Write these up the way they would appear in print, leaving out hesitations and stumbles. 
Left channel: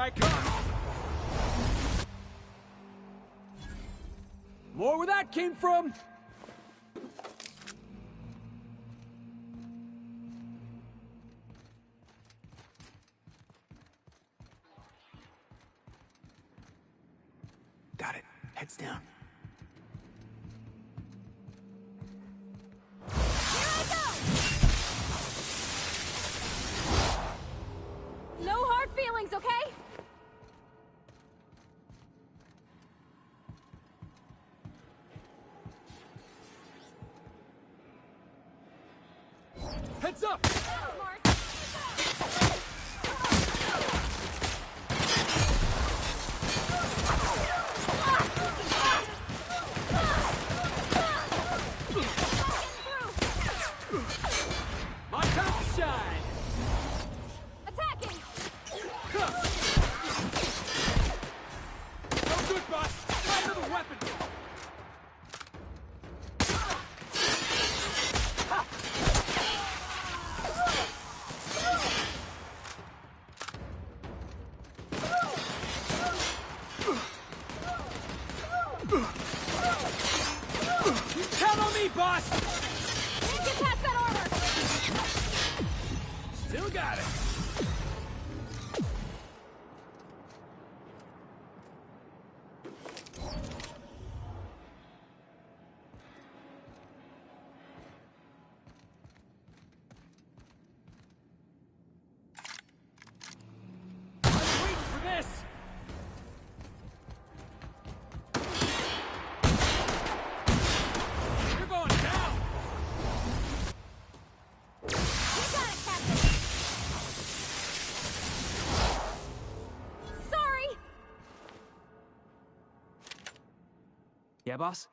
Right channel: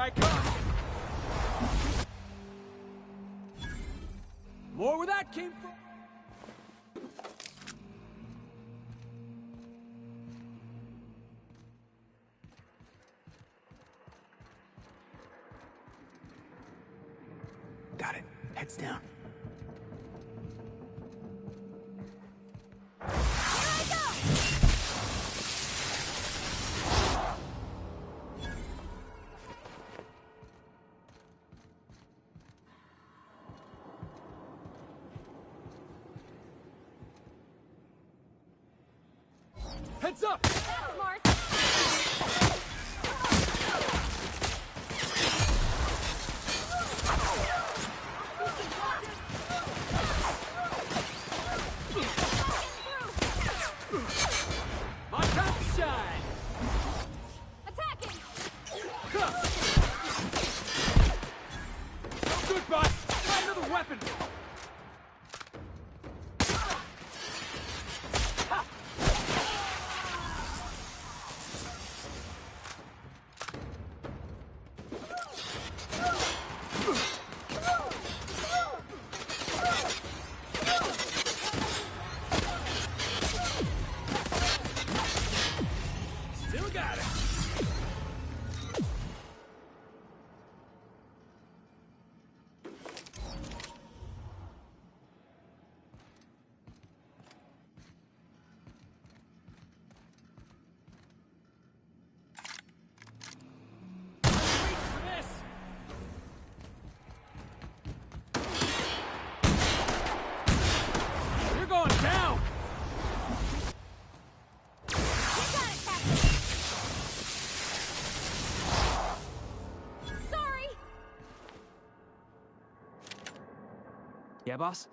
I come! More where that came from! Got it. Heads down. Here I go! No hard feelings, okay? Heads up! That's smart. My time to shine! Attacking! No good, boss! Try another weapon! Count on me, boss! Pass that order! Still got it! I'm waiting for this! You're going down! You got it, Captain! Sorry! Yeah, boss?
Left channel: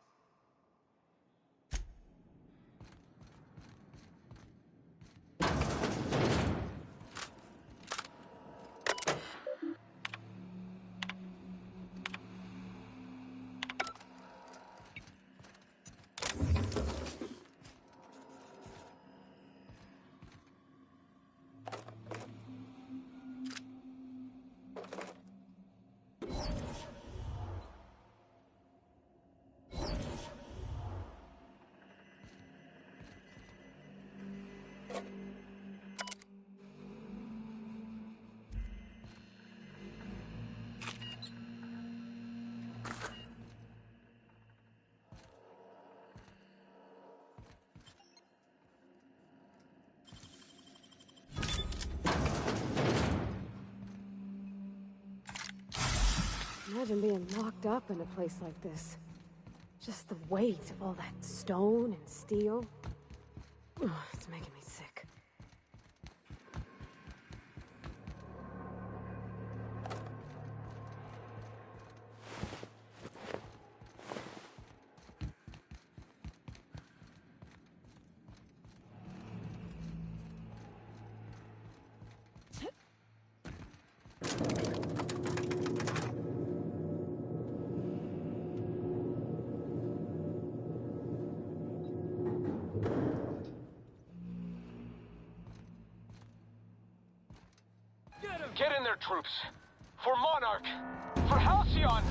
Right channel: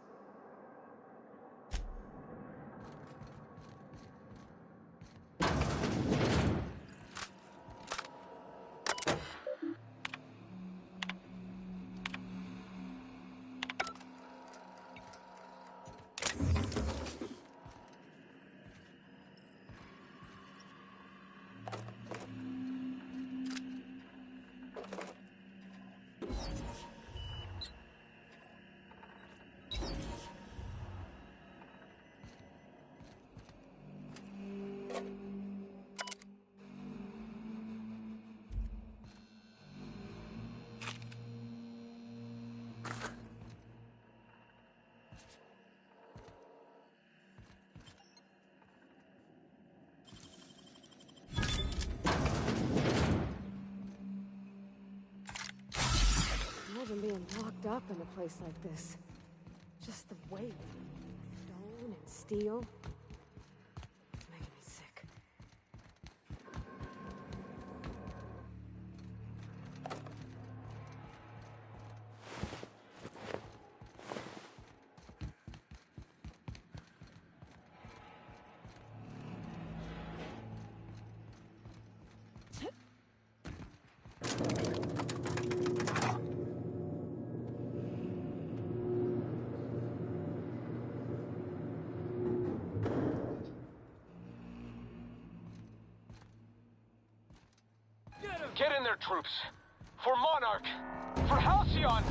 Imagine being locked up in a place like this. Just the weight of all that stone and steel. Oh, it's making me sick. Get in there, troops. For Monarch. For Halcyon.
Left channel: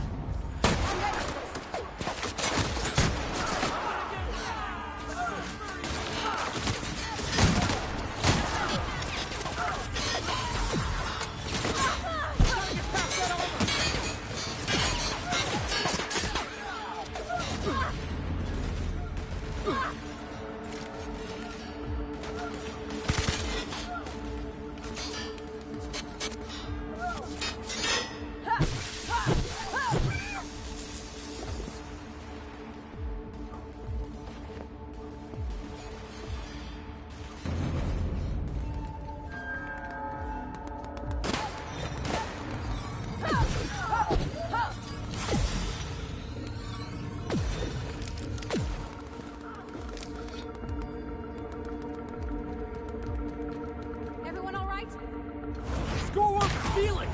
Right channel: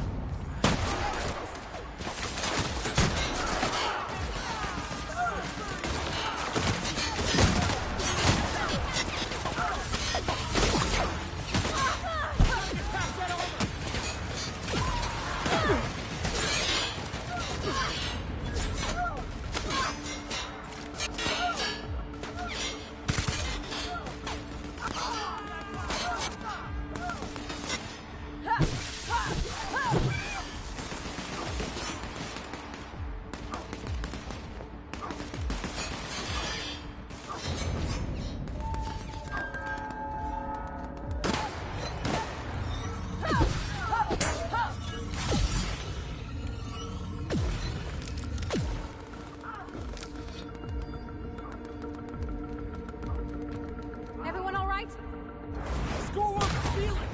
Everyone all right? Score up Felix!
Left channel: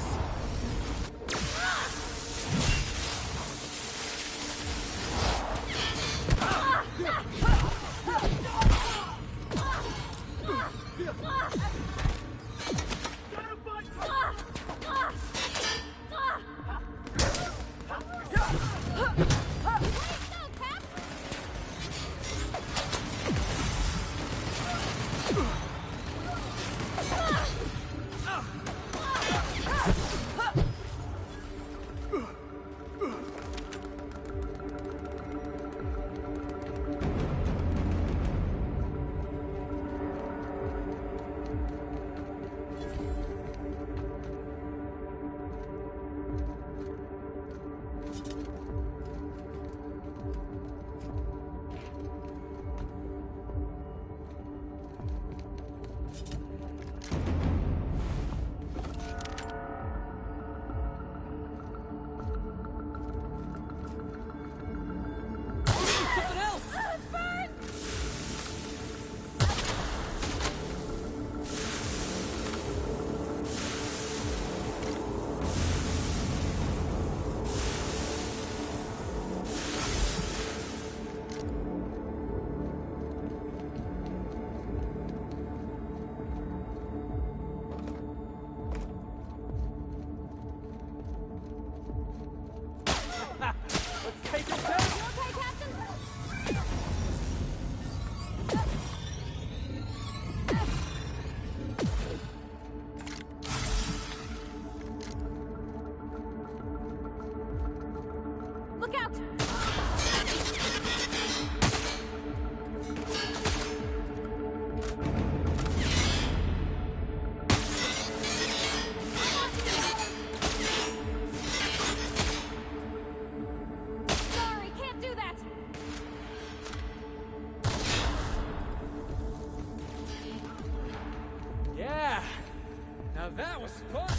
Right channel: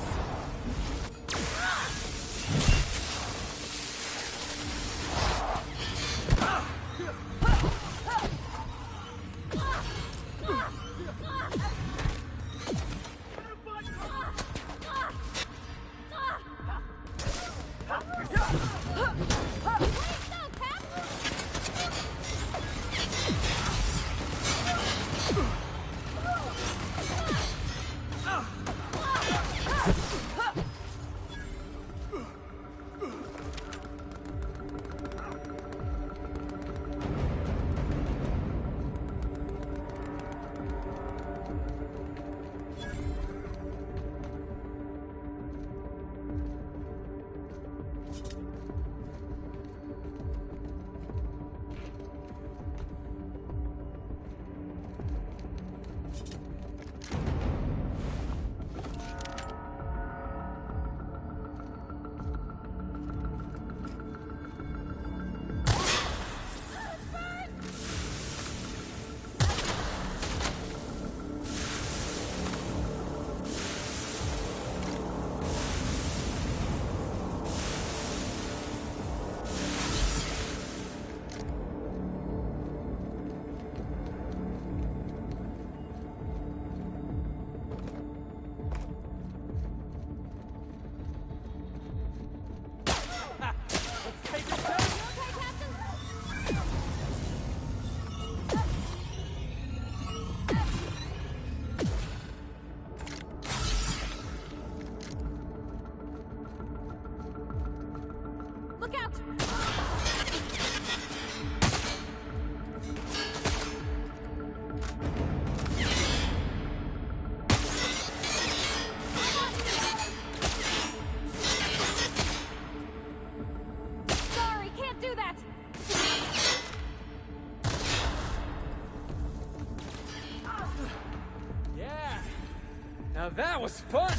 Now that was fun!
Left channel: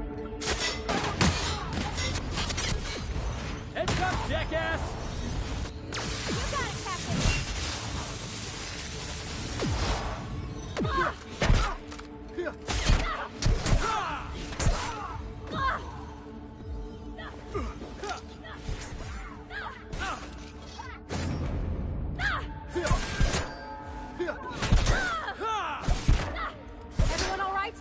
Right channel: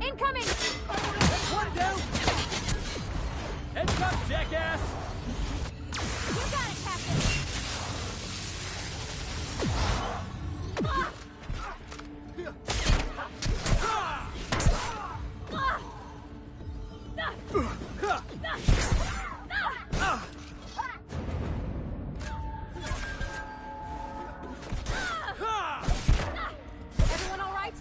Incoming! Heads up, jackass! You got it, Captain! Everyone all right?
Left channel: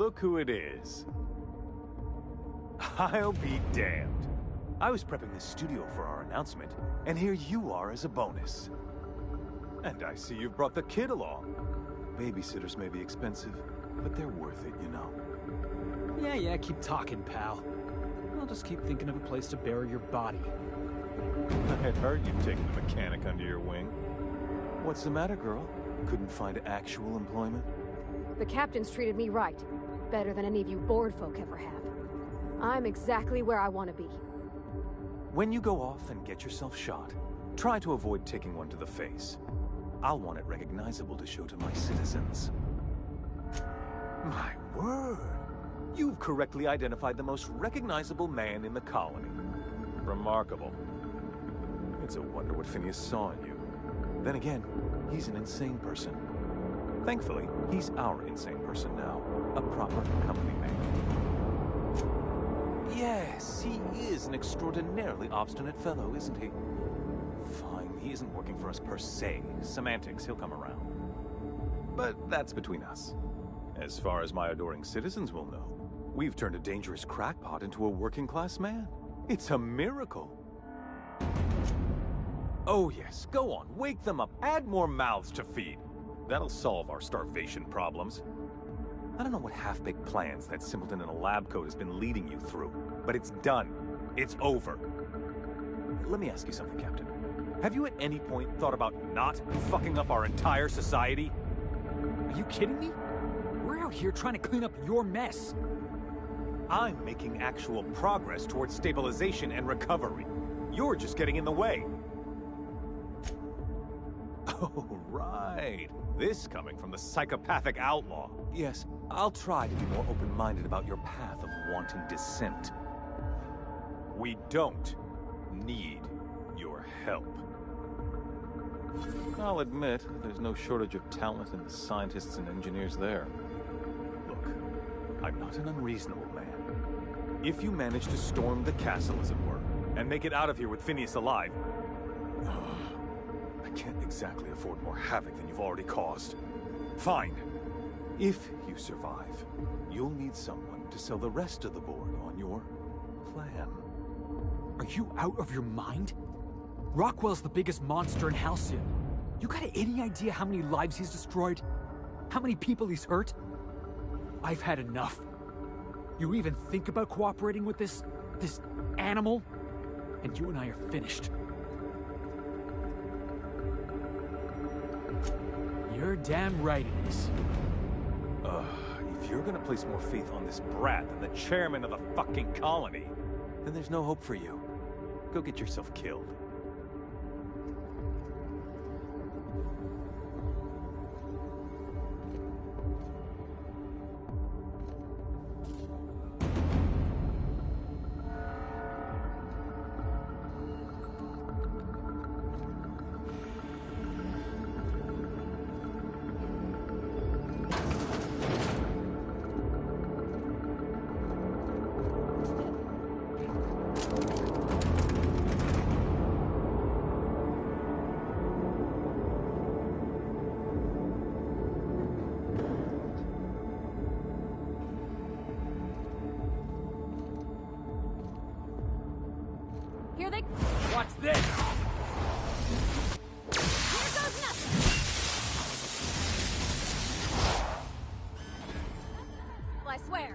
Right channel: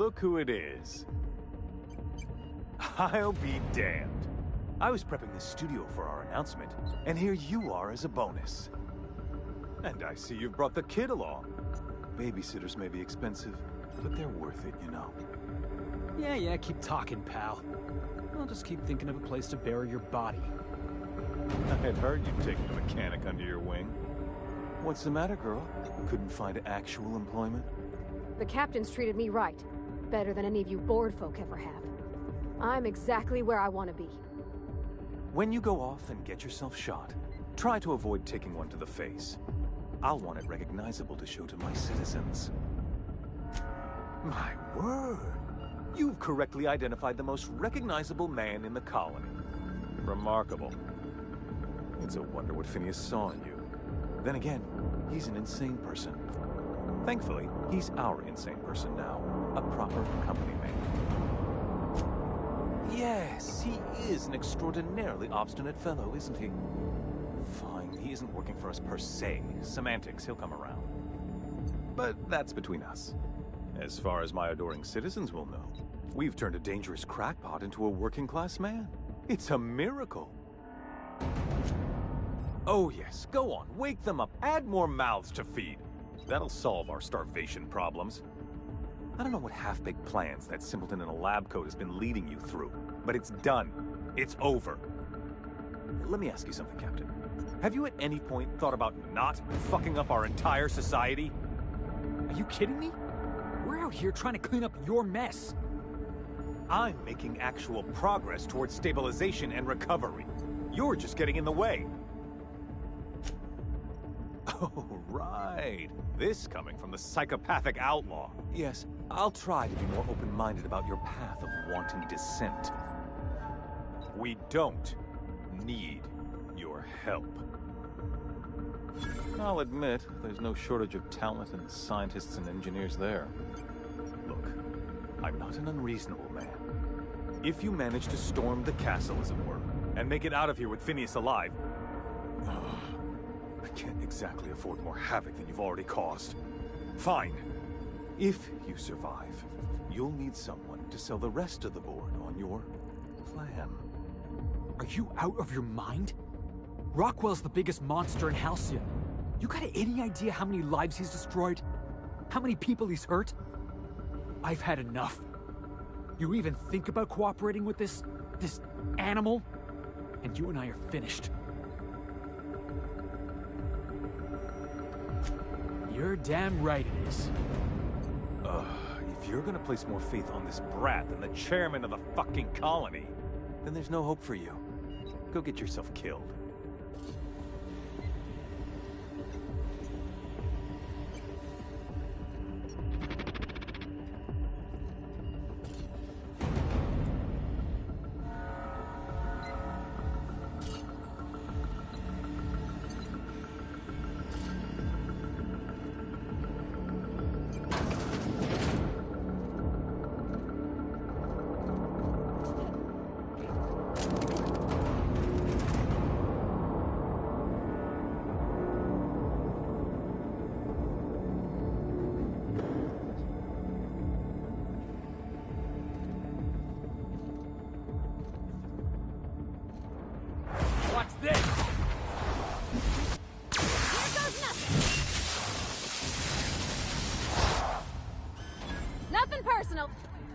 look who it is. I'll be damned. I was prepping the studio for our announcement, and here you are as a bonus. And I see you've brought the kid along. Babysitters may be expensive, but they're worth it, you know. Yeah, keep talking, pal. I'll just keep thinking of a place to bury your body. I had heard you'd taken a mechanic under your wing. What's the matter, girl? Couldn't find actual employment? The captain's treated me right. Better than any of you bored folk ever have. I'm exactly where I want to be. When you go off and get yourself shot, try to avoid taking one to the face. I'll want it recognizable to show to my citizens. My word! You've correctly identified the most recognizable man in the colony. Remarkable. It's a wonder what Phineas saw in you. Then again, he's an insane person. Thankfully, he's our insane person now. A proper company man. Yes, he is an extraordinarily obstinate fellow, isn't he? Fine, he isn't working for us per se. Semantics, he'll come around. But that's between us. As far as my adoring citizens will know, we've turned a dangerous crackpot into a working-class man. It's a miracle. Oh yes, go on, wake them up, add more mouths to feed. That'll solve our starvation problems. I don't know what half-baked plans that simpleton in a lab coat has been leading you through, but it's done. It's over. Let me ask you something, Captain. Have you at any point thought about not fucking up our entire society? Are you kidding me? We're out here trying to clean up your mess. I'm making actual progress towards stabilization and recovery. You're just getting in the way. Oh, right. This coming from the psychopathic outlaw. Yes, I'll try to be more open-minded about your path of wanting dissent. We don't need your help. I'll admit, there's no shortage of talent in the scientists and engineers there. Look, I'm not an unreasonable man. If you manage to storm the castle, as it were, and make it out of here with Phineas alive, I can't exactly afford more havoc than you've already caused. Fine. If you survive, you'll need someone to sell the rest of the board on your plan. Are you out of your mind? Rockwell's the biggest monster in Halcyon. You got any idea how many lives he's destroyed? How many people he's hurt? I've had enough. You even think about cooperating with this animal? And you and I are finished. You're damn right it is. If you're gonna place more faith on this brat than the chairman of the fucking colony, then there's no hope for you. Go get yourself killed. Here they... Watch this! Here goes nothing! Nothing personal, I swear.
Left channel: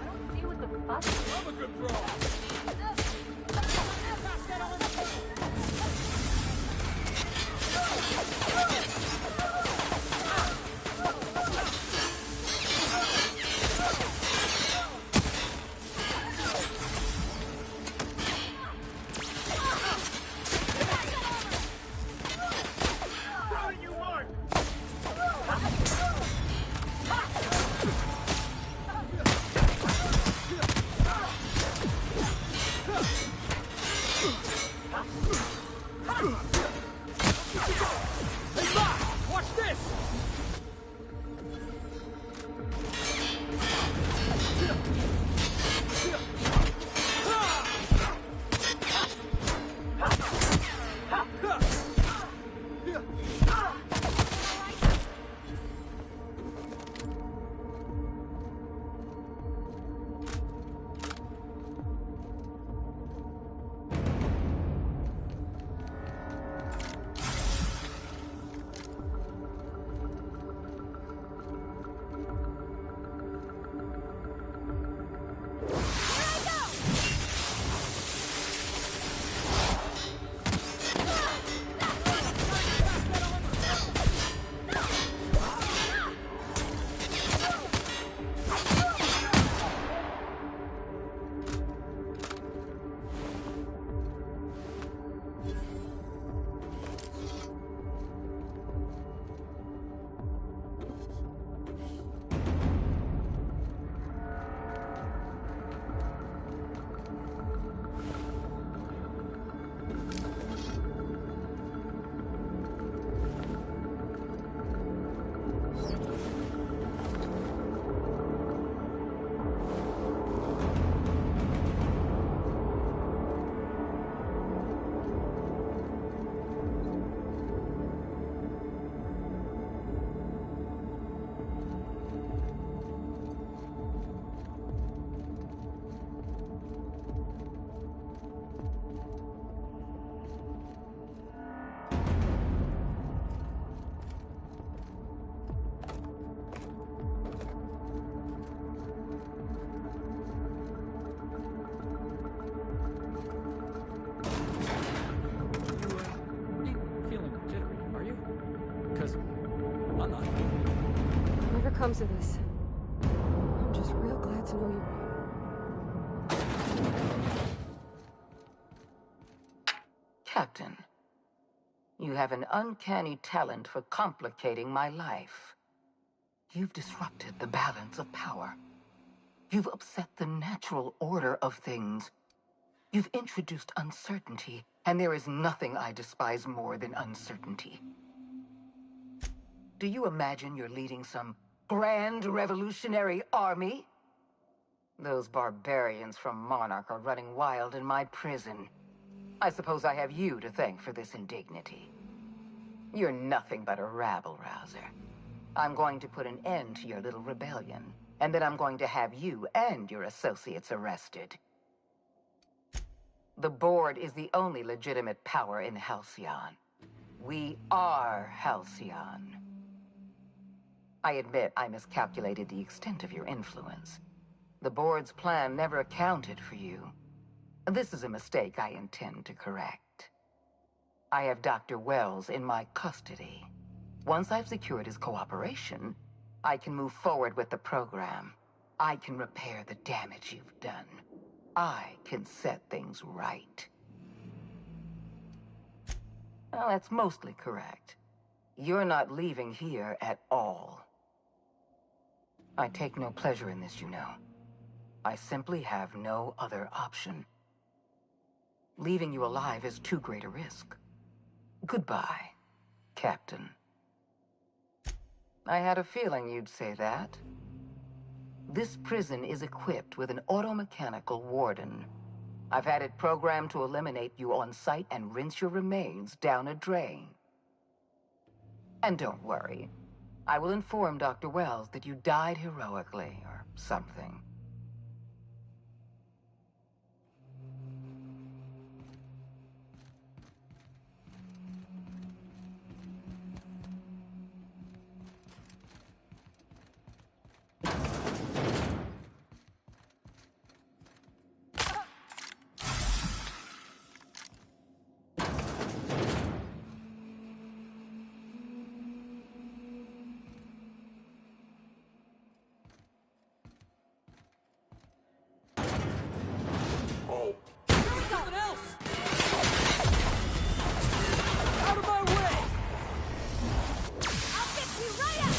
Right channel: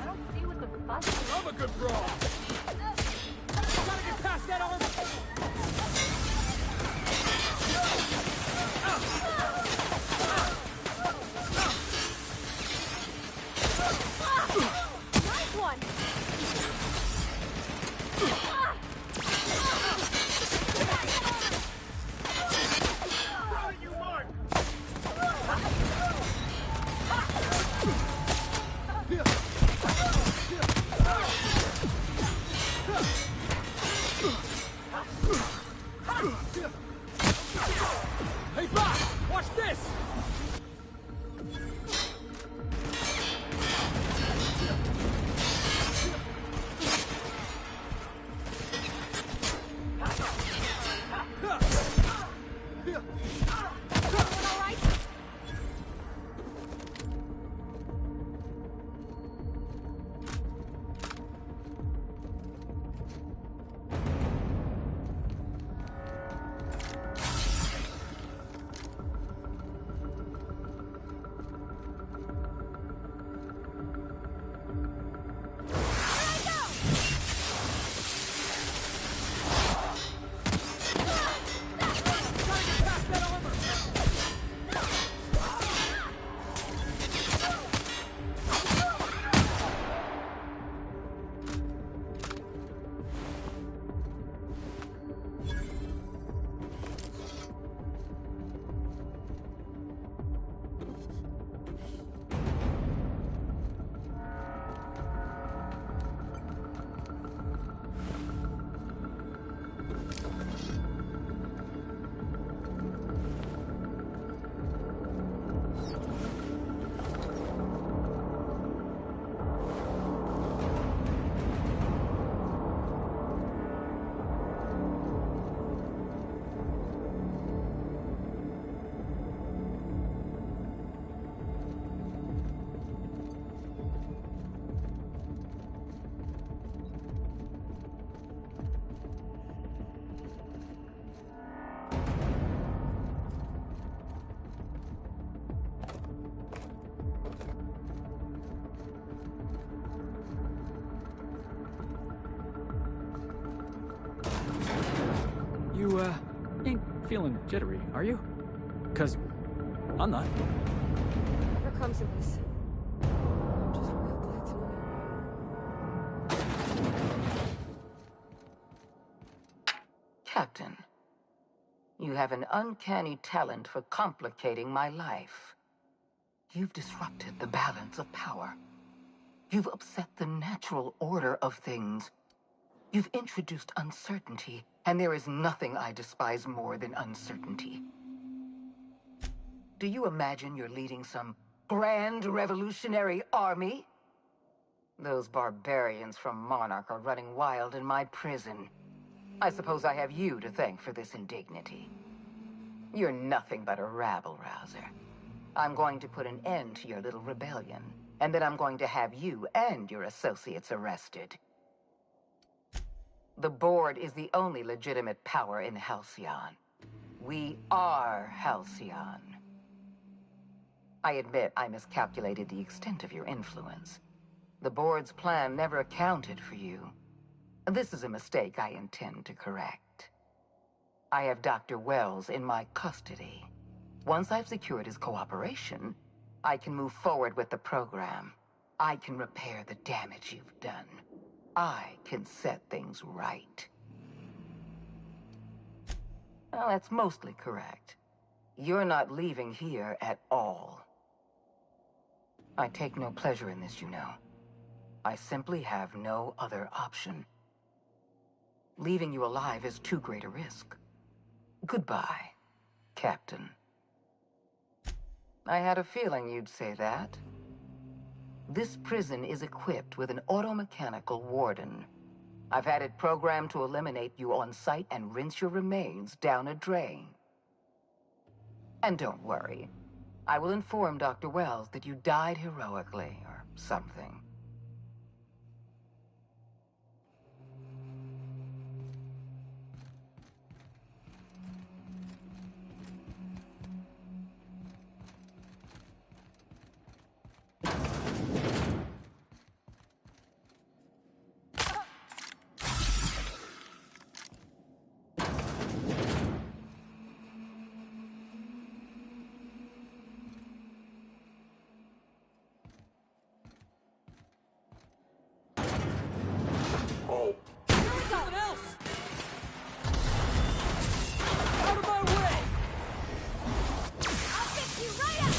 I don't see what the fuss is. Love a good brawl! Gotta get past that armor! jittery, are you? 'Cause I'm not. Whatever comes of this, I'm just real glad to know you. Captain, you have an uncanny talent for complicating my life. You've disrupted the balance of power. You've upset the natural order of things. You've introduced uncertainty, and there is nothing I despise more than uncertainty. Do you imagine you're leading some grand revolutionary army? Those barbarians from Monarch are running wild in my prison. I suppose I have you to thank for this indignity. You're nothing but a rabble-rouser. I'm going to put an end to your little rebellion, and then I'm going to have you and your associates arrested. The board is the only legitimate power in Halcyon. We are Halcyon. I admit I miscalculated the extent of your influence. The board's plan never accounted for you. This is a mistake I intend to correct. I have Dr. Wells in my custody. Once I've secured his cooperation, I can move forward with the program. I can repair the damage you've done. I can set things right. Well, that's mostly correct. You're not leaving here at all. I take no pleasure in this, you know. I simply have no other option. Leaving you alive is too great a risk. Goodbye, Captain. I had a feeling you'd say that. This prison is equipped with an automechanical warden. I've had it programmed to eliminate you on sight and rinse your remains down a drain. And don't worry. I will inform Dr. Wells that you died heroically or something. Something else! Out of my way! I'll fix you right up!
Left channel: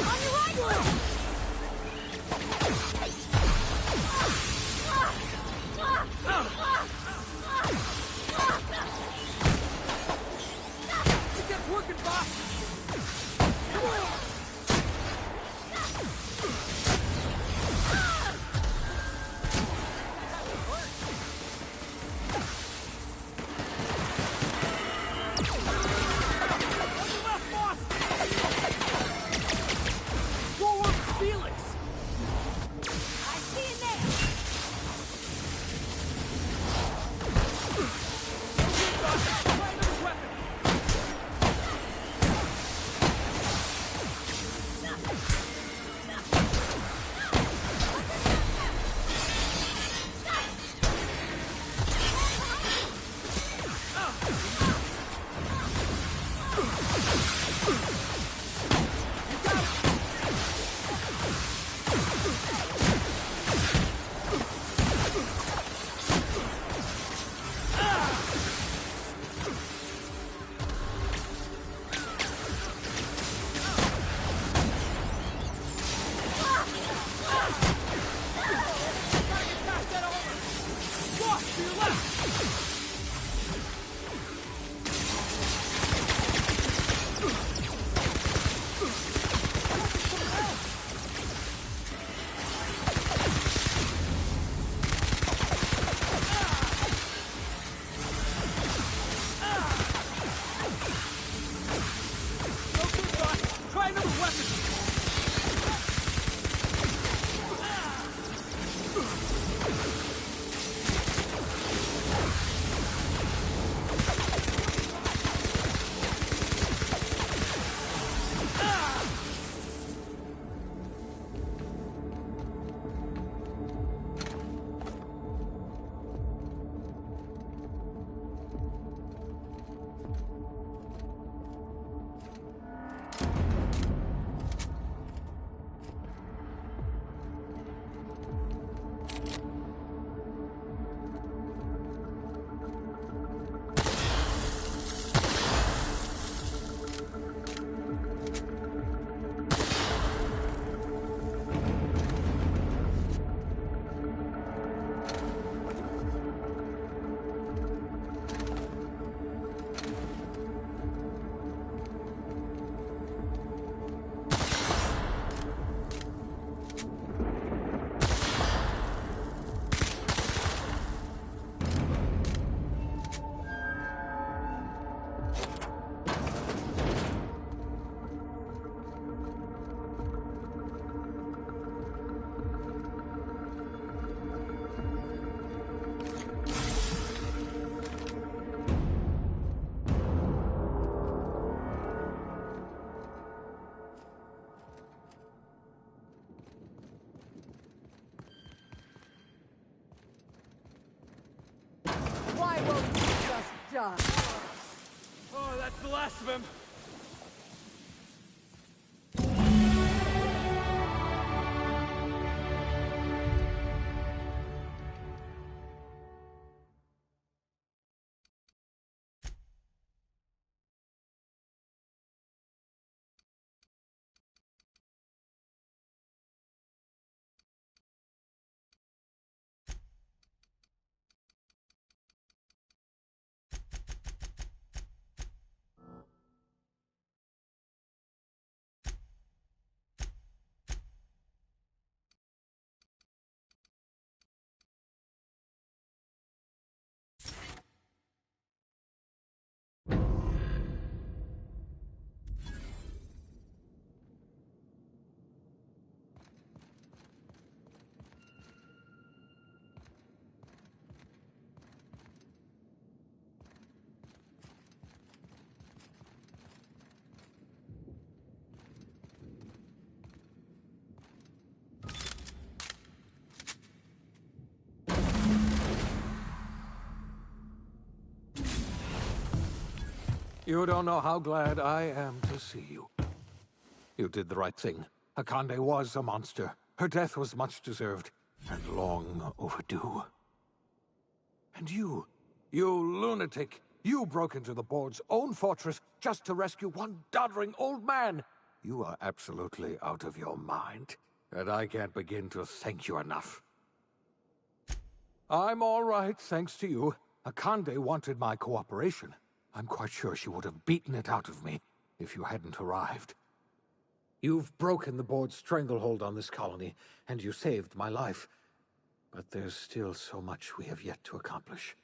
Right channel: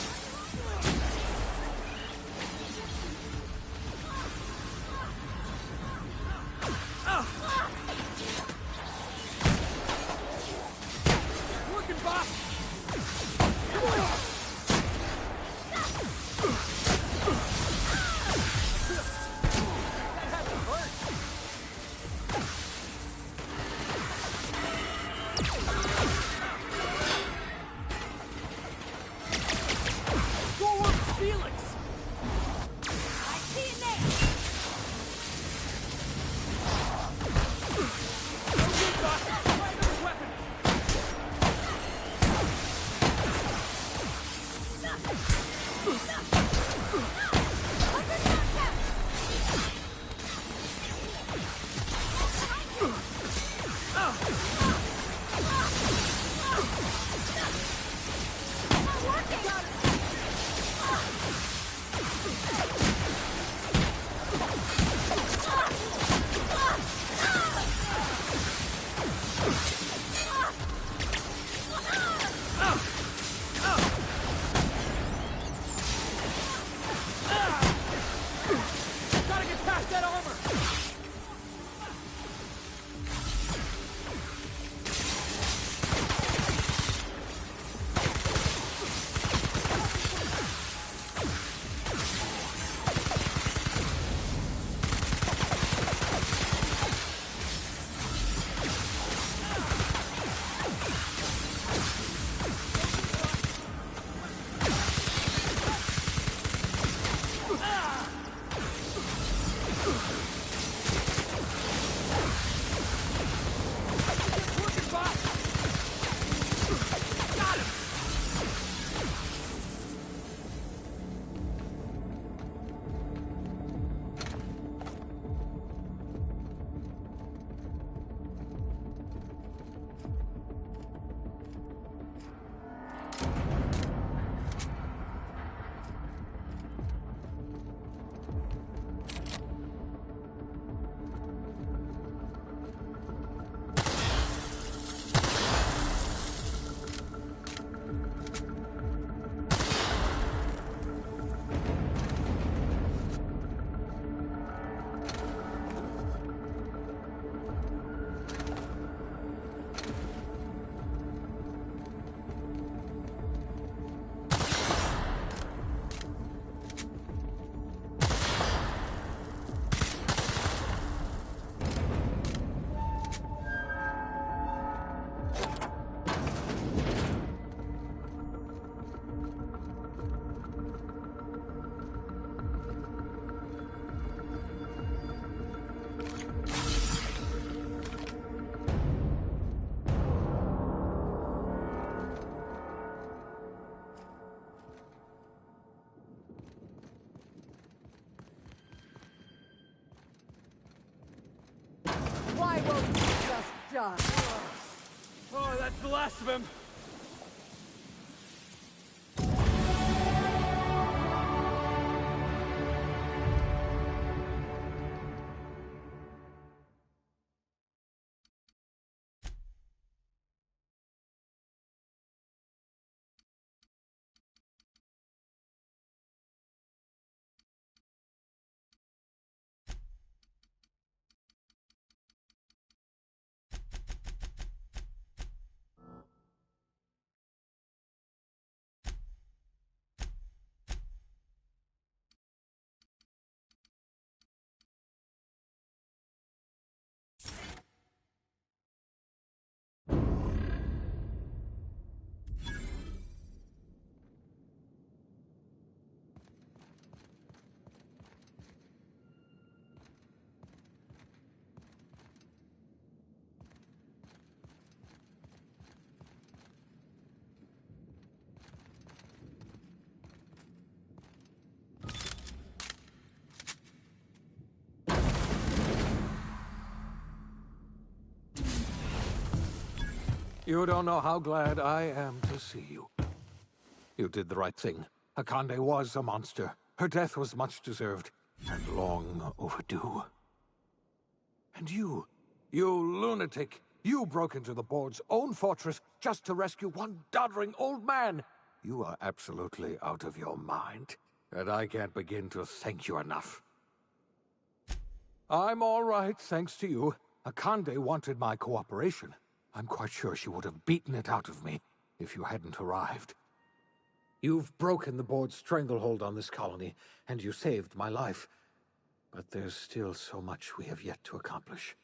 On your right! It's working, boss! job. Oh, that's the last of him. You don't know how glad I am to see you. You did the right thing. Akande was a monster. Her death was much deserved, and long overdue. And you lunatic, you broke into the board's own fortress just to rescue one doddering old man. You are absolutely out of your mind, and I can't begin to thank you enough. I'm all right, thanks to you. Akande wanted my cooperation. I'm quite sure she would have beaten it out of me if you hadn't arrived. You've broken the board's stranglehold on this colony, and you saved my life. But there's still so much we have yet to accomplish.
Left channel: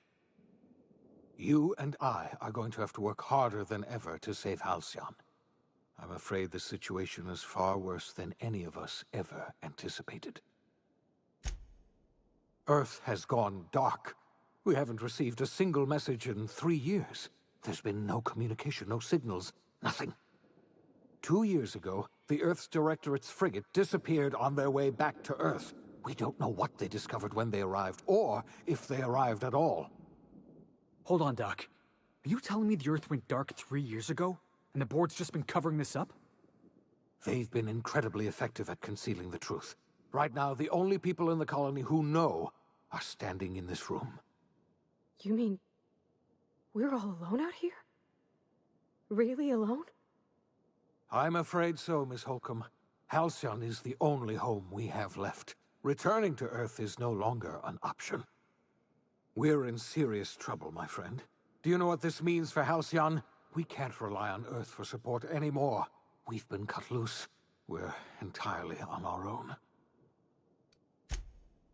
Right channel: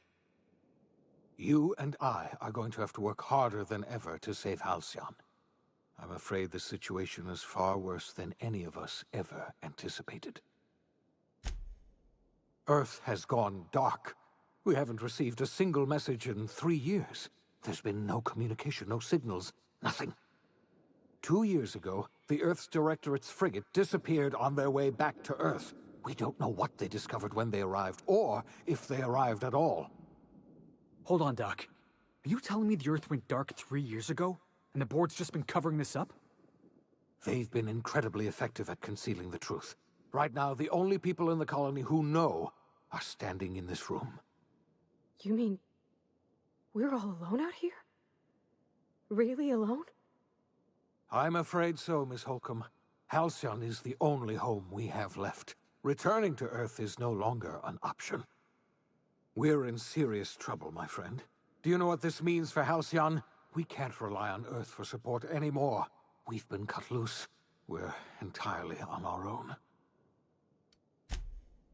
You and I are going to have to work harder than ever to save Halcyon. I'm afraid the situation is far worse than any of us ever anticipated. Earth has gone dark. We haven't received a single message in 3 years. There's been no communication, no signals, nothing. 2 years ago, the Earth's Directorate's frigate disappeared on their way back to Earth. We don't know what they discovered when they arrived, or if they arrived at all. Hold on, Doc. Are you telling me the Earth went dark 3 years ago, and the board's just been covering this up? They've been incredibly effective at concealing the truth. Right now, the only people in the colony who know are standing in this room. You mean we're all alone out here? Really alone? I'm afraid so, Miss Holcomb. Halcyon is the only home we have left. Returning to Earth is no longer an option. We're in serious trouble, my friend. Do you know what this means for Halcyon? We can't rely on Earth for support anymore. We've been cut loose. We're entirely on our own.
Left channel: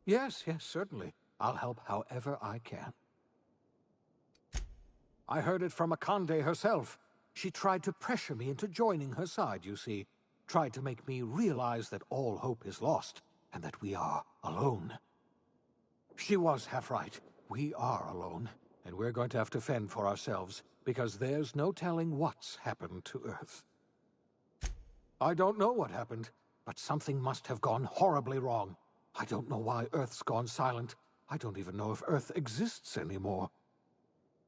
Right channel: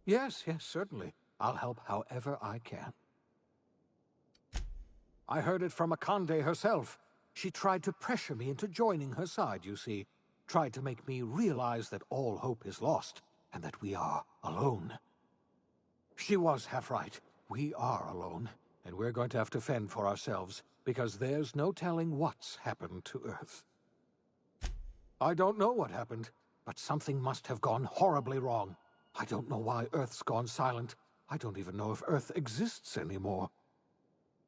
Yes, certainly. I'll help however I can. I heard it from Akande herself. She tried to pressure me into joining her side, you see. Tried to make me realize that all hope is lost, and that we are alone. She was half right. We are alone, and we're going to have to fend for ourselves, because there's no telling what's happened to Earth. I don't know what happened, but something must have gone horribly wrong. I don't know why Earth's gone silent. I don't even know if Earth exists anymore.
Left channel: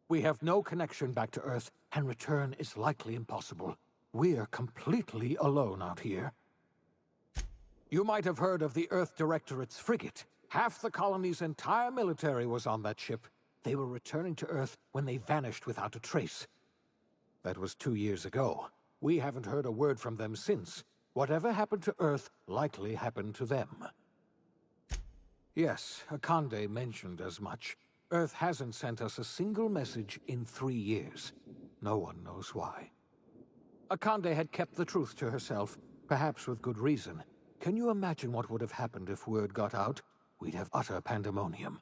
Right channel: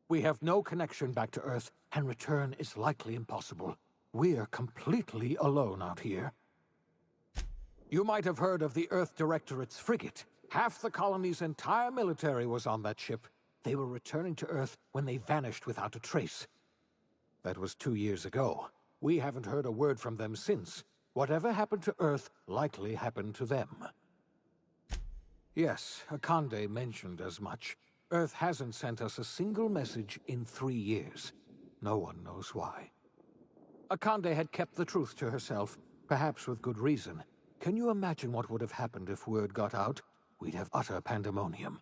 We have no connection back to Earth, and return is likely impossible. We're completely alone out here. You might have heard of the Earth Directorate's frigate. Half the colony's entire military was on that ship. They were returning to Earth when they vanished without a trace. That was 2 years ago. We haven't heard a word from them since. Whatever happened to Earth likely happened to them. Yes, Akande mentioned as much. Earth hasn't sent us a single message in 3 years. No one knows why. Akande had kept the truth to herself, perhaps with good reason. Can you imagine what would have happened if word got out? We'd have utter pandemonium.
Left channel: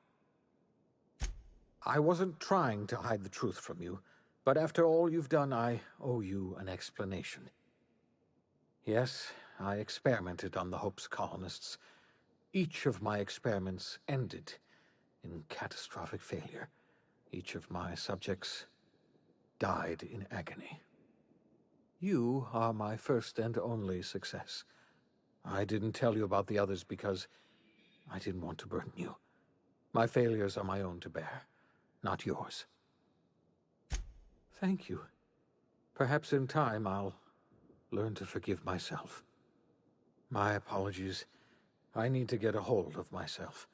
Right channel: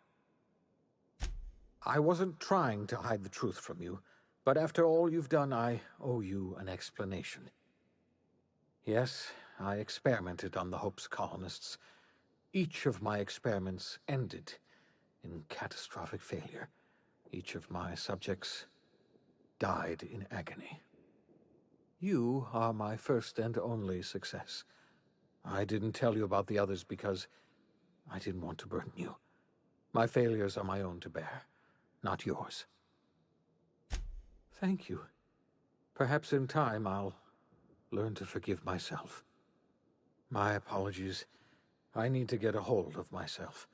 I wasn't trying to hide the truth from you, but after all you've done, I owe you an explanation. Yes, I experimented on the Hope's colonists. Each of my experiments ended in catastrophic failure. Each of my subjects died in agony. You are my first and only success. I didn't tell you about the others because I didn't want to burden you. My failures are my own to bear, not yours. Thank you. Perhaps in time I'll learn to forgive myself. My apologies. I need to get a hold of myself.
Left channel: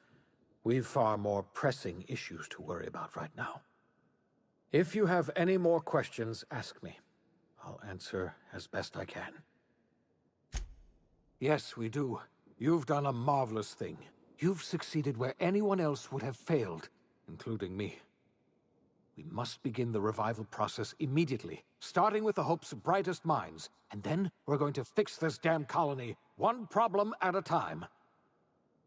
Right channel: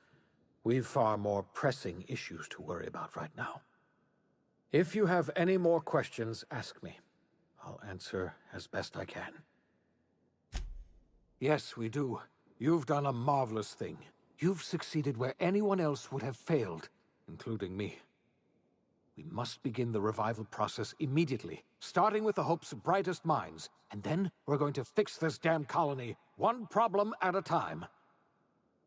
We've far more pressing issues to worry about right now. If you have any more questions, ask me. I'll answer as best I can. Yes, we do. You've done a marvelous thing. You've succeeded where anyone else would have failed, including me. We must begin the revival process immediately, starting with the Hope's brightest minds, and then we're going to fix this damn colony, one problem at a time.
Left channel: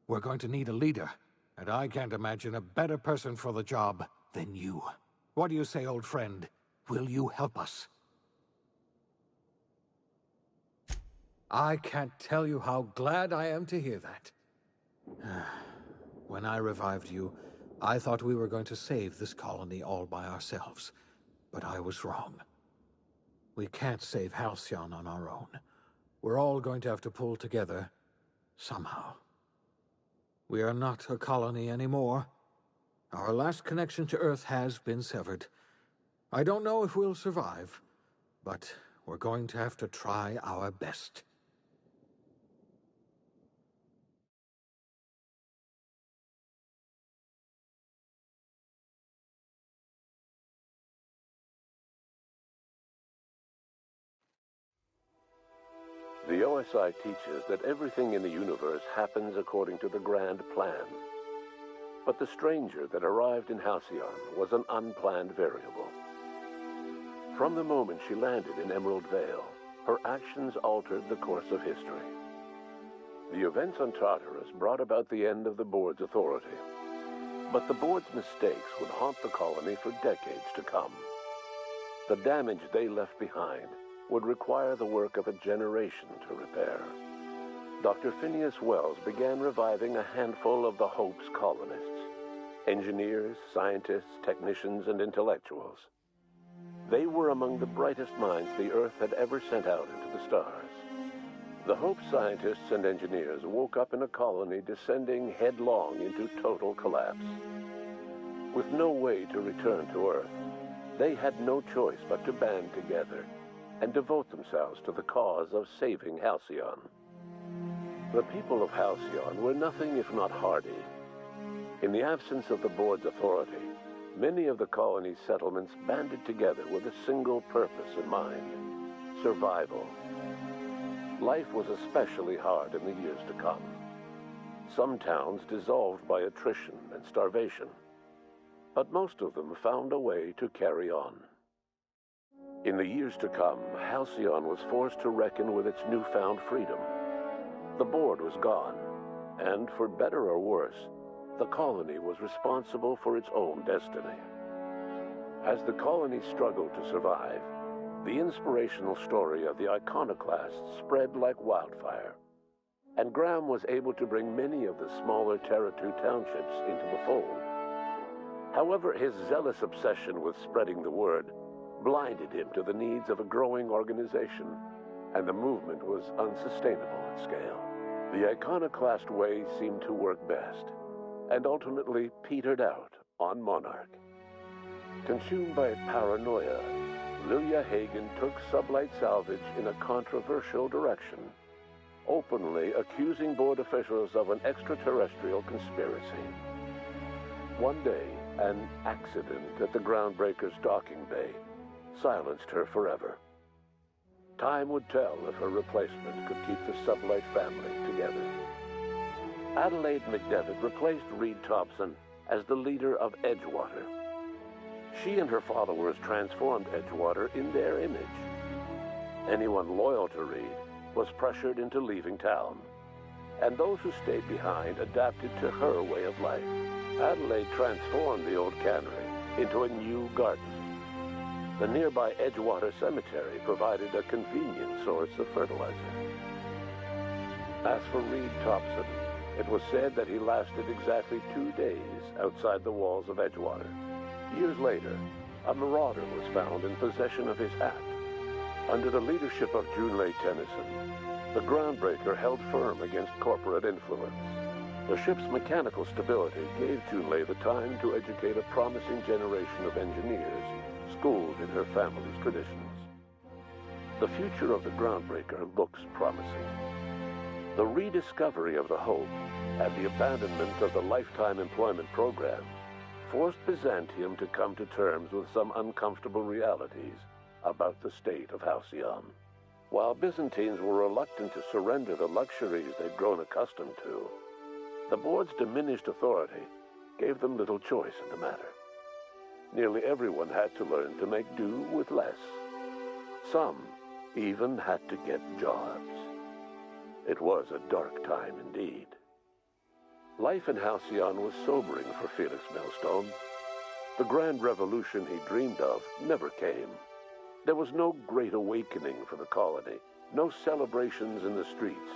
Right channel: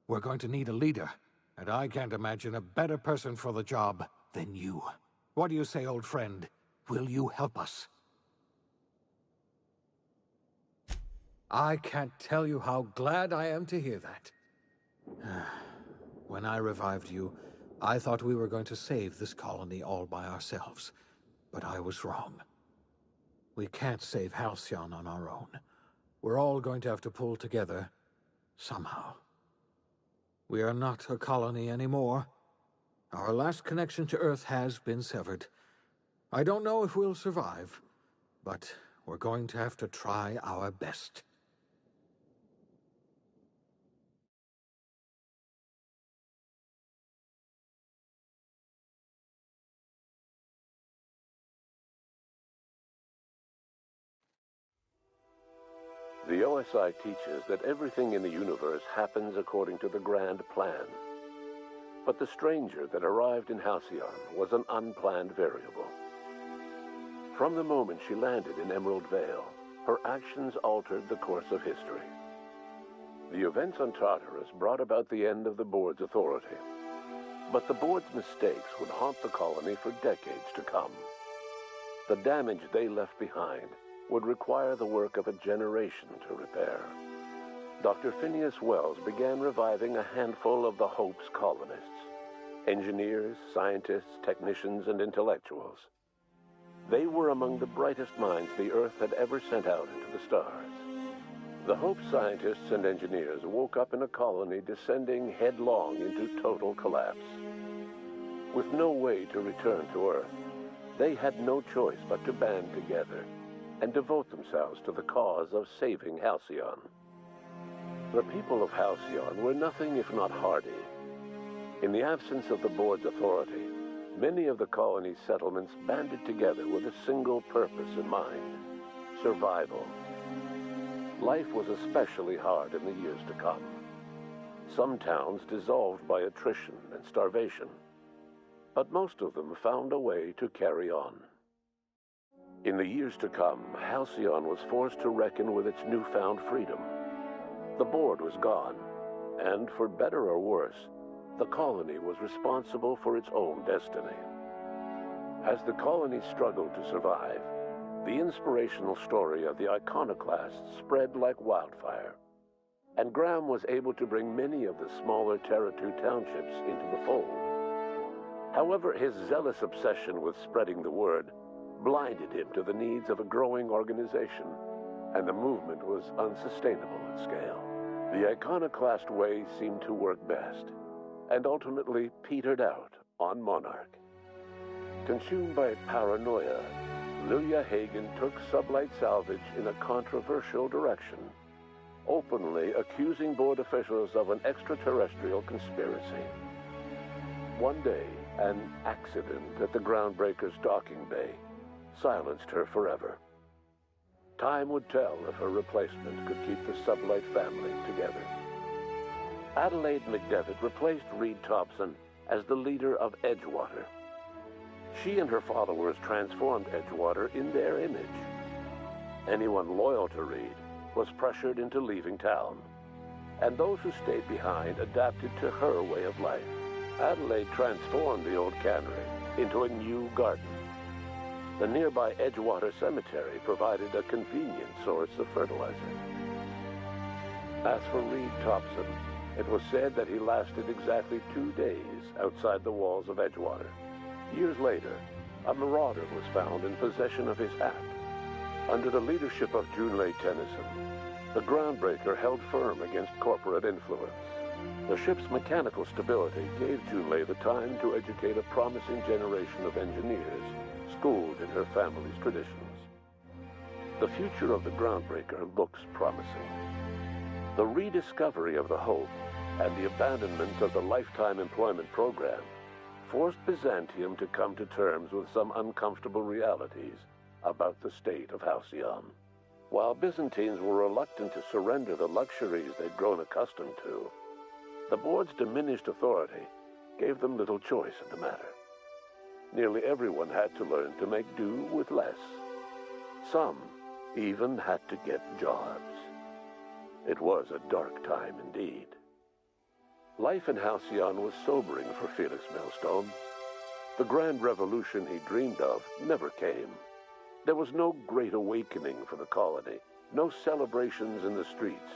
We're going to need a leader, and I can't imagine a better person for the job than you. What do you say, old friend? Will you help us? I can't tell you how glad I am to hear that. When I revived you, I thought we were going to save this colony all by ourselves, but I was wrong. We can't save Halcyon on our own. We're all going to have to pull together, somehow. We are not a colony anymore. Our last connection to Earth has been severed. I don't know if we'll survive, but we're going to have to try our best. The OSI teaches that everything in the universe happens according to the grand plan. But the stranger that arrived in Halcyon was an unplanned variable. From the moment she landed in Emerald Vale, her actions altered the course of history. The events on Tartarus brought about the end of the board's authority. But the board's mistakes would haunt the colony for decades to come. The damage they left behind would require the work of a generation to repair. Dr. Phineas Wells began reviving a handful of the Hope's colonists, engineers, scientists, technicians, and intellectuals. They were among the brightest minds the Earth had ever sent out into the stars. The Hope scientists and engineers woke up in a colony descending headlong into total collapse. With no way to return to Earth, they had no choice but to band together and devote themselves to the cause of saving Halcyon. The people of Halcyon were nothing if not hardy. In the absence of the board's authority, many of the colony's settlements banded together with a single purpose in mind: survival. Life was especially hard in the years to come. Some towns dissolved by attrition and starvation, but most of them found a way to carry on. In the years to come, Halcyon was forced to reckon with its newfound freedom. The board was gone, and for better or worse, the colony was responsible for its own destiny. As the colony struggled to survive, the inspirational story of the iconoclasts spread like wildfire, and Graham was able to bring many of the smaller Terra-2 townships into the fold. However, his zealous obsession with spreading the word blinded him to the needs of a growing organization, and the movement was unsustainable at scale. The iconoclast way seemed to work best, and ultimately petered out on Monarch. Consumed by paranoia, Lilia Hagen took Sublight Salvage in a controversial direction, openly accusing board officials of an extraterrestrial conspiracy. One day, an accident at the Groundbreaker's docking bay silenced her forever. Time would tell if her replacement could keep the Sublight family together. Adelaide McDevitt replaced Reed Thompson as the leader of Edgewater. She and her followers transformed Edgewater in their image. Anyone loyal to Reed was pressured into leaving town, and those who stayed behind adapted to her way of life. Adelaide transformed the old cannery into a new garden. The nearby Edgewater Cemetery provided a convenient source of fertilizer. As for Reed Thompson, it was said that he lasted exactly 2 days outside the walls of Edgewater. Years later, a marauder was found in possession of his hat. Under the leadership of Junlei Tennyson, the Groundbreaker held firm against corporate influence. The ship's mechanical stability gave Junlei the time to educate a promising generation of engineers schooled in her family's traditions. The future of the groundbreaker looks promising. The rediscovery of the Hope and the abandonment of the lifetime employment program forced Byzantium to come to terms with some uncomfortable realities about the state of Halcyon. While Byzantines were reluctant to surrender the luxuries they'd grown accustomed to, the board's diminished authority gave them little choice in the matter. Nearly everyone had to learn to make do with less. Some even had to get jobs. It was a dark time indeed. Life in Halcyon was sobering for Felix Millstone. The grand revolution he dreamed of never came. There was no great awakening for the colony, no celebrations in the streets.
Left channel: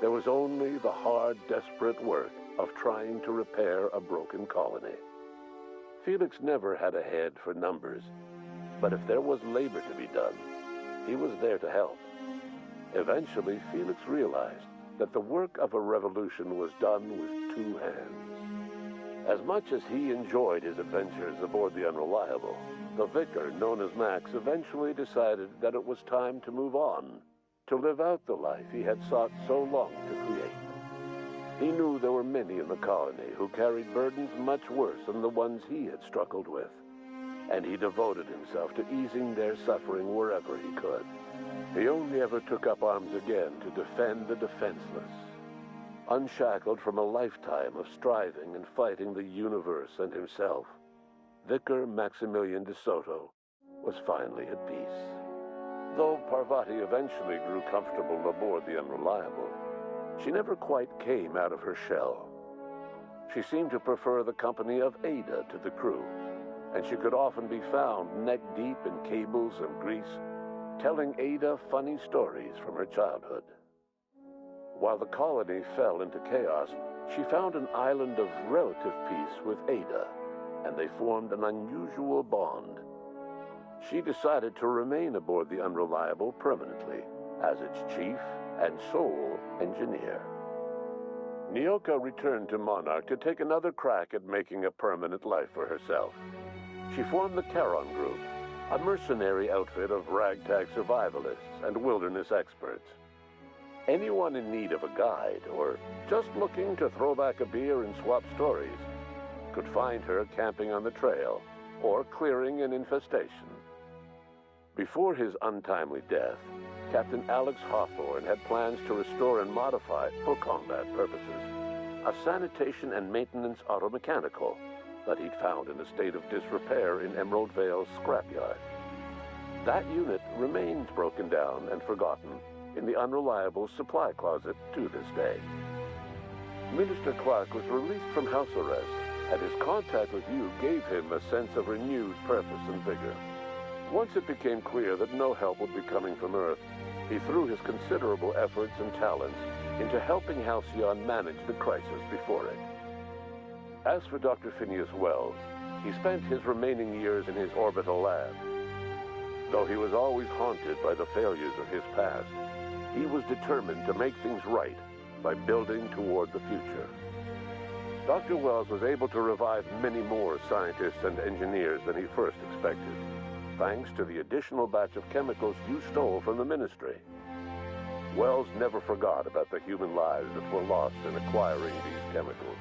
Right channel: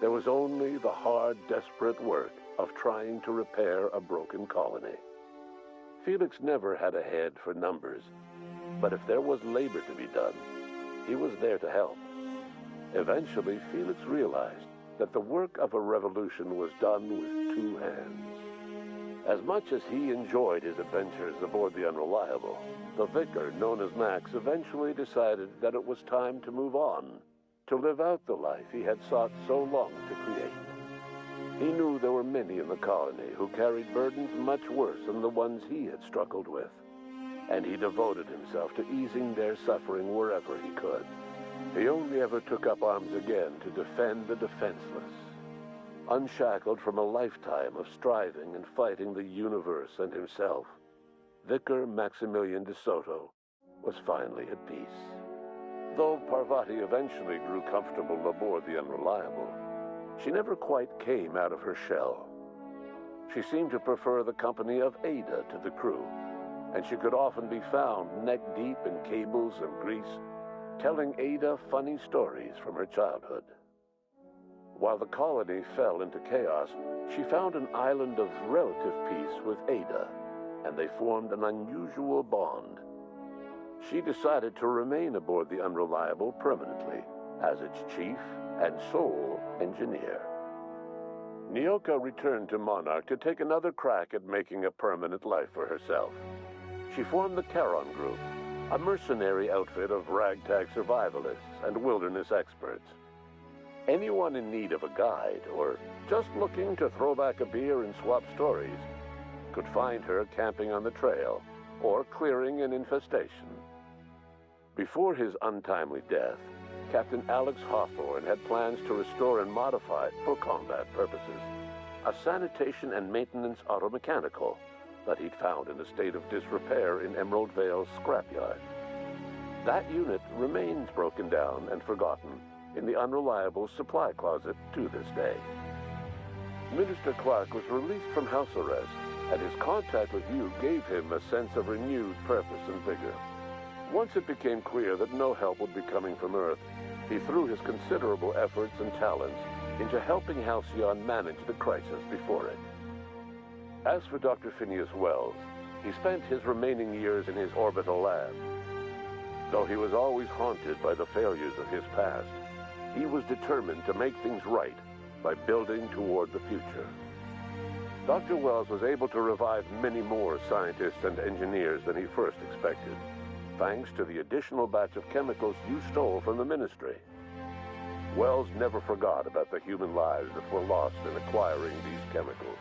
There was only the hard, desperate work of trying to repair a broken colony. Felix never had a head for numbers, but if there was labor to be done, he was there to help. Eventually, Felix realized that the work of a revolution was done with two hands. As much as he enjoyed his adventures aboard the Unreliable, the vicar, known as Max, eventually decided that it was time to move on, to live out the life he had sought so long to create. He knew there were many in the colony who carried burdens much worse than the ones he had struggled with, and he devoted himself to easing their suffering wherever he could. He only ever took up arms again to defend the defenseless. Unshackled from a lifetime of striving and fighting the universe and himself, Vicar Maximilian de Soto was finally at peace. Though Parvati eventually grew comfortable aboard the Unreliable, she never quite came out of her shell. She seemed to prefer the company of Ada to the crew, and she could often be found neck-deep in cables and grease, telling Ada funny stories from her childhood. While the colony fell into chaos, she found an island of relative peace with Ada, and they formed an unusual bond. She decided to remain aboard the Unreliable permanently as its chief and sole engineer. Nyoka returned to Monarch to take another crack at making a permanent life for herself. She formed the Charon Group, a mercenary outfit of ragtag survivalists and wilderness experts. Anyone in need of a guide or just looking to throw back a beer and swap stories could find her camping on the trail or clearing an infestation. Before his untimely death, Captain Alex Hawthorne had plans to restore and modify, for combat purposes, a sanitation and maintenance automechanical that he'd found in a state of disrepair in Emerald Vale's scrapyard. That unit remains broken down and forgotten in the Unreliable supply closet to this day. Minister Clark was released from house arrest, and his contact with you gave him a sense of renewed purpose and vigor. Once it became clear that no help would be coming from Earth, he threw his considerable efforts and talents into helping Halcyon manage the crisis before it. As for Dr. Phineas Wells, he spent his remaining years in his orbital lab. Though he was always haunted by the failures of his past, he was determined to make things right by building toward the future. Dr. Wells was able to revive many more scientists and engineers than he first expected, thanks to the additional batch of chemicals you stole from the Ministry. Wells never forgot about the human lives that were lost in acquiring these chemicals.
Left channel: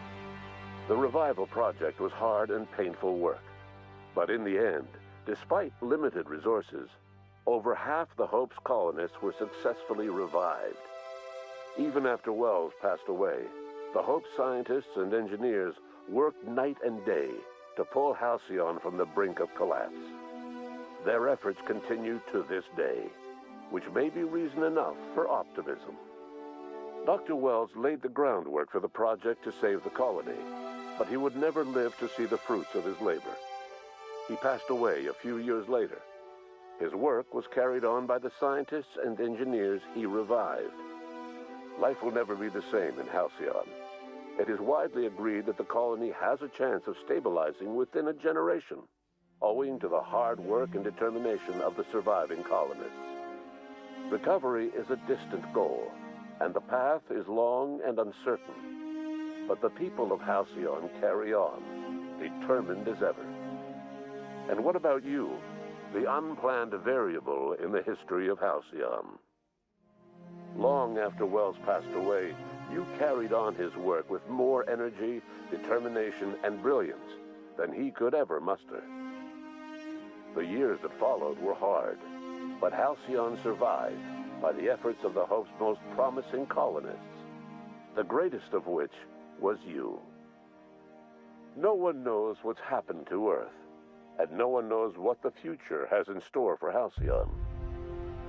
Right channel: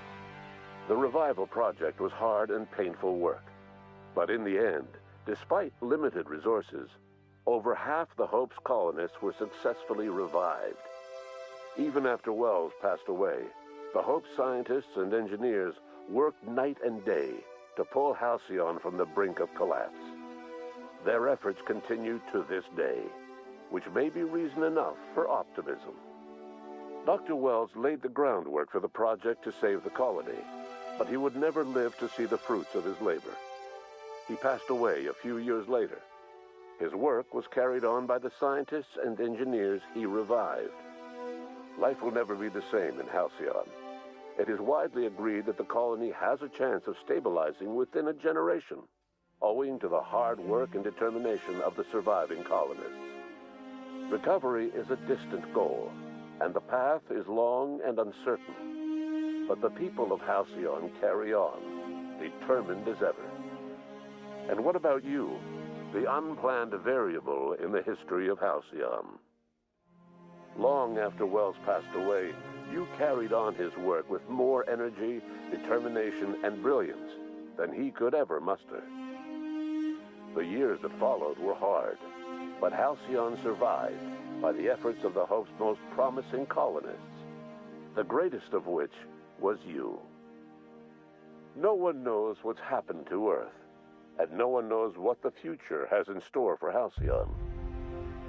The revival project was hard and painful work, but in the end, despite limited resources, over half the Hope's colonists were successfully revived. Even after Wells passed away, the Hope scientists and engineers worked night and day to pull Halcyon from the brink of collapse. Their efforts continue to this day, which may be reason enough for optimism. Dr. Wells laid the groundwork for the project to save the colony, but he would never live to see the fruits of his labor. He passed away a few years later. His work was carried on by the scientists and engineers he revived. Life will never be the same in Halcyon. It is widely agreed that the colony has a chance of stabilizing within a generation, owing to the hard work and determination of the surviving colonists. Recovery is a distant goal, and the path is long and uncertain. But the people of Halcyon carry on, determined as ever. And what about you, the unplanned variable in the history of Halcyon? Long after Wells passed away, you carried on his work with more energy, determination, and brilliance than he could ever muster. The years that followed were hard, but Halcyon survived by the efforts of the Hope's most promising colonists, the greatest of which was you. No one knows what's happened to Earth, and no one knows what the future has in store for Halcyon.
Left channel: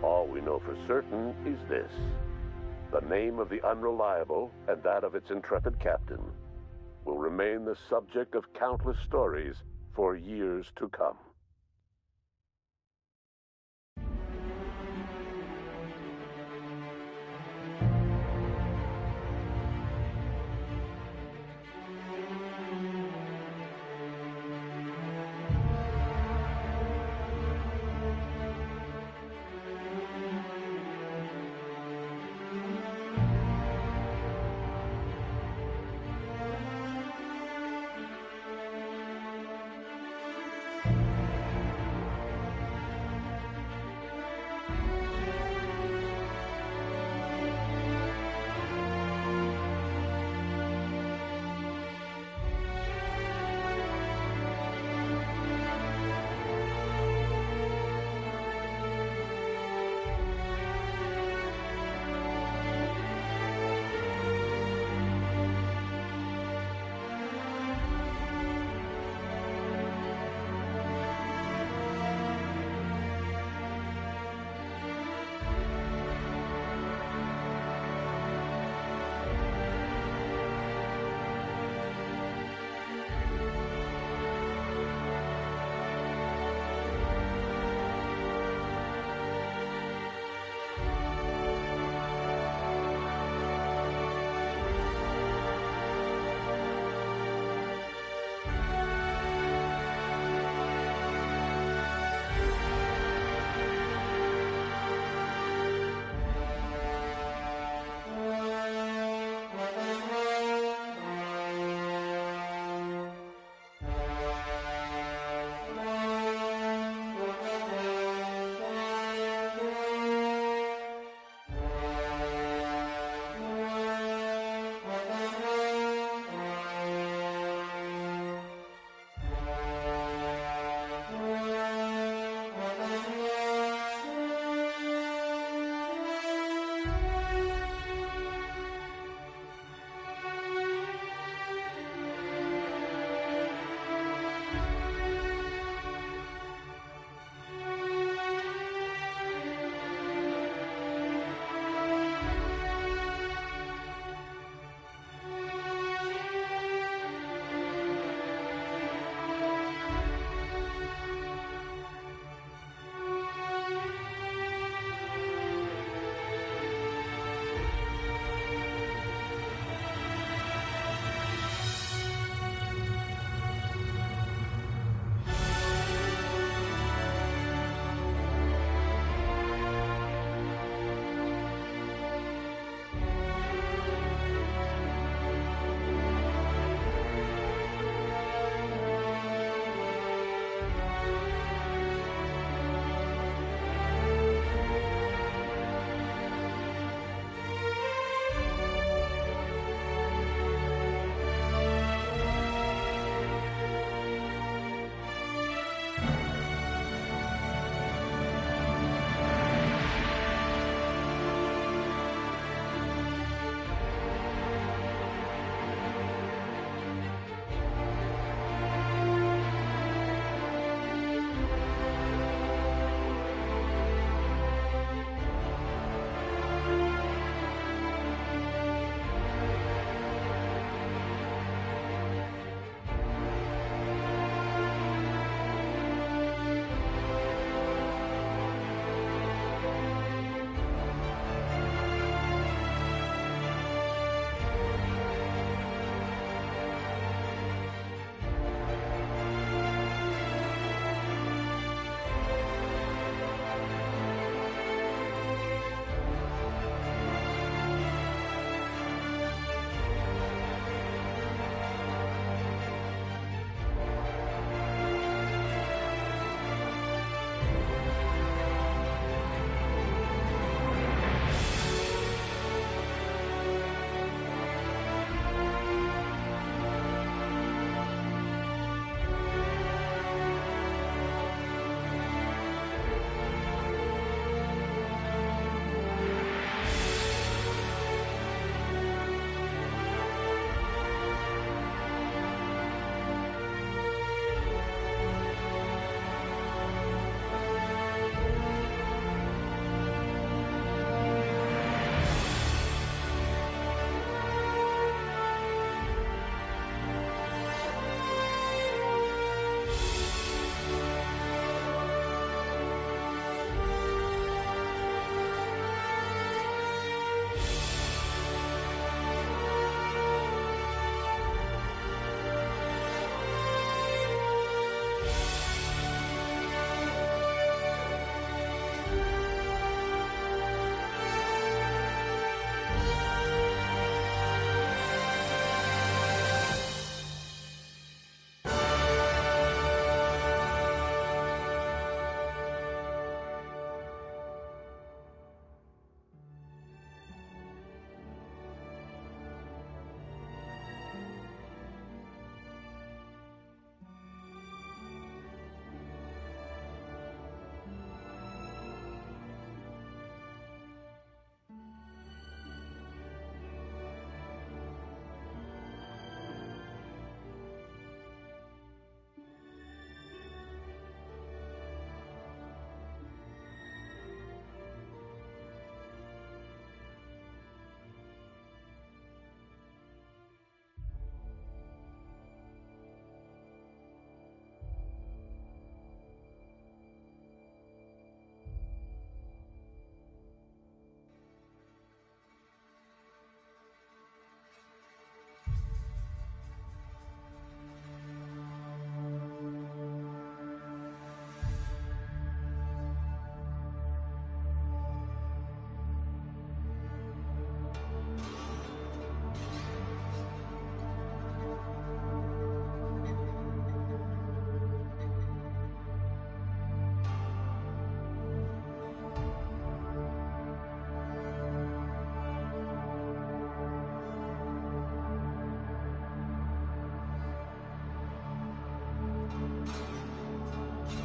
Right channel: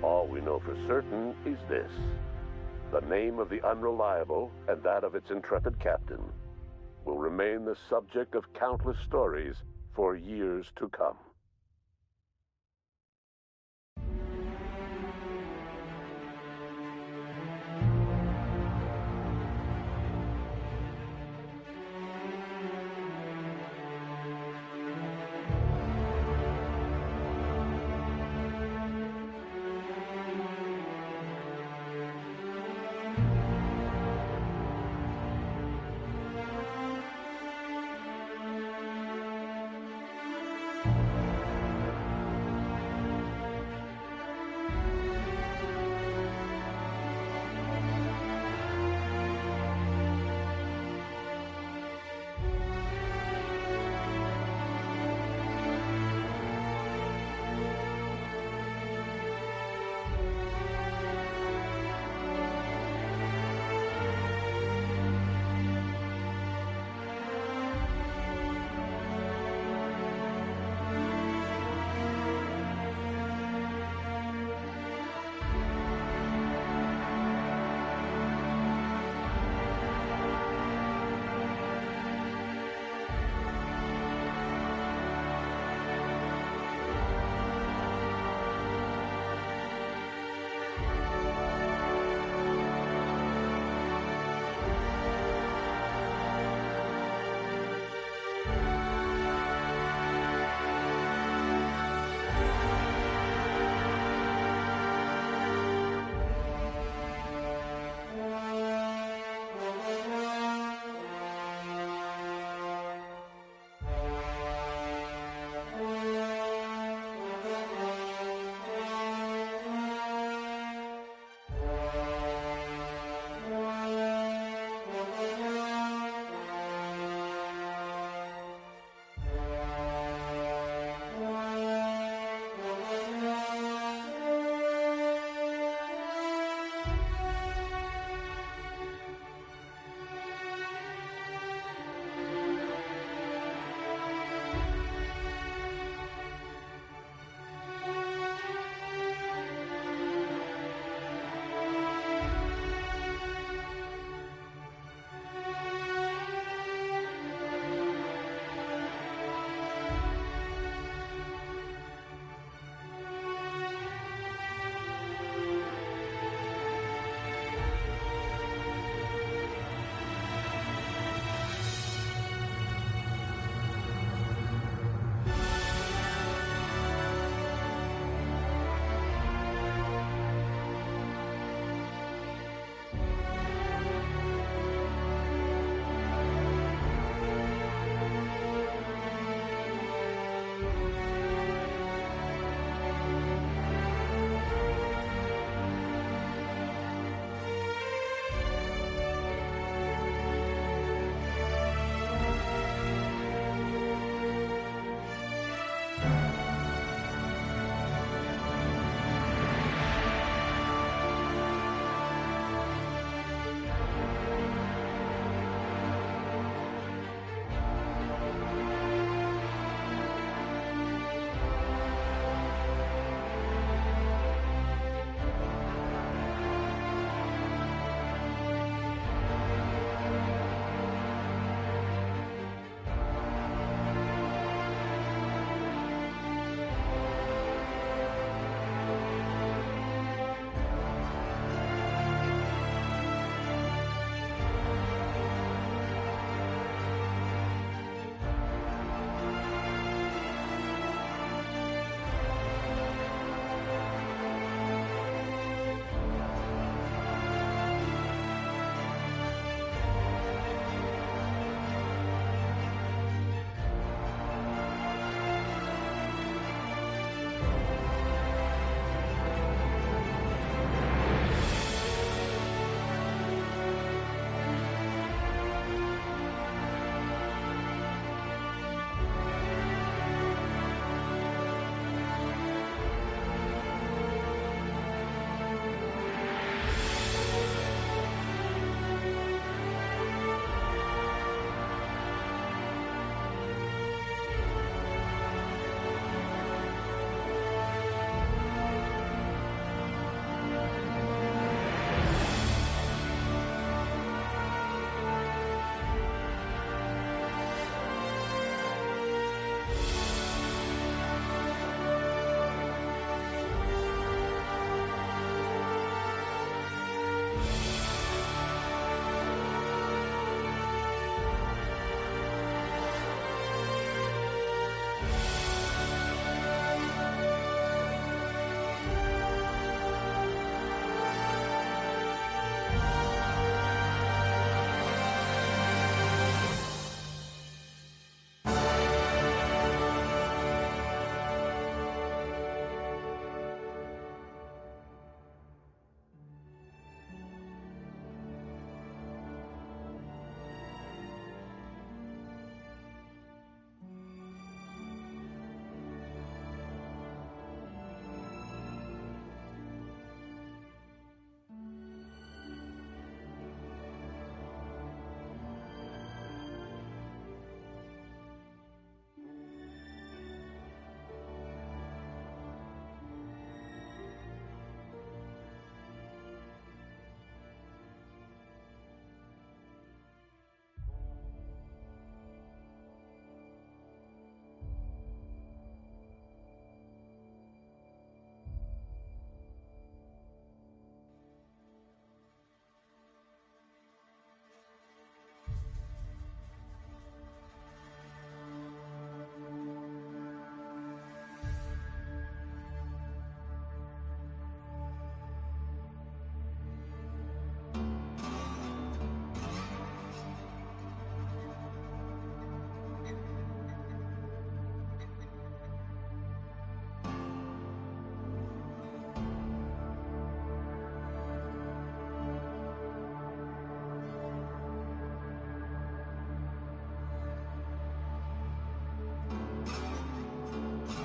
All we know for certain is this: the name of the Unreliable and that of its intrepid captain will remain the subject of countless stories for years to come.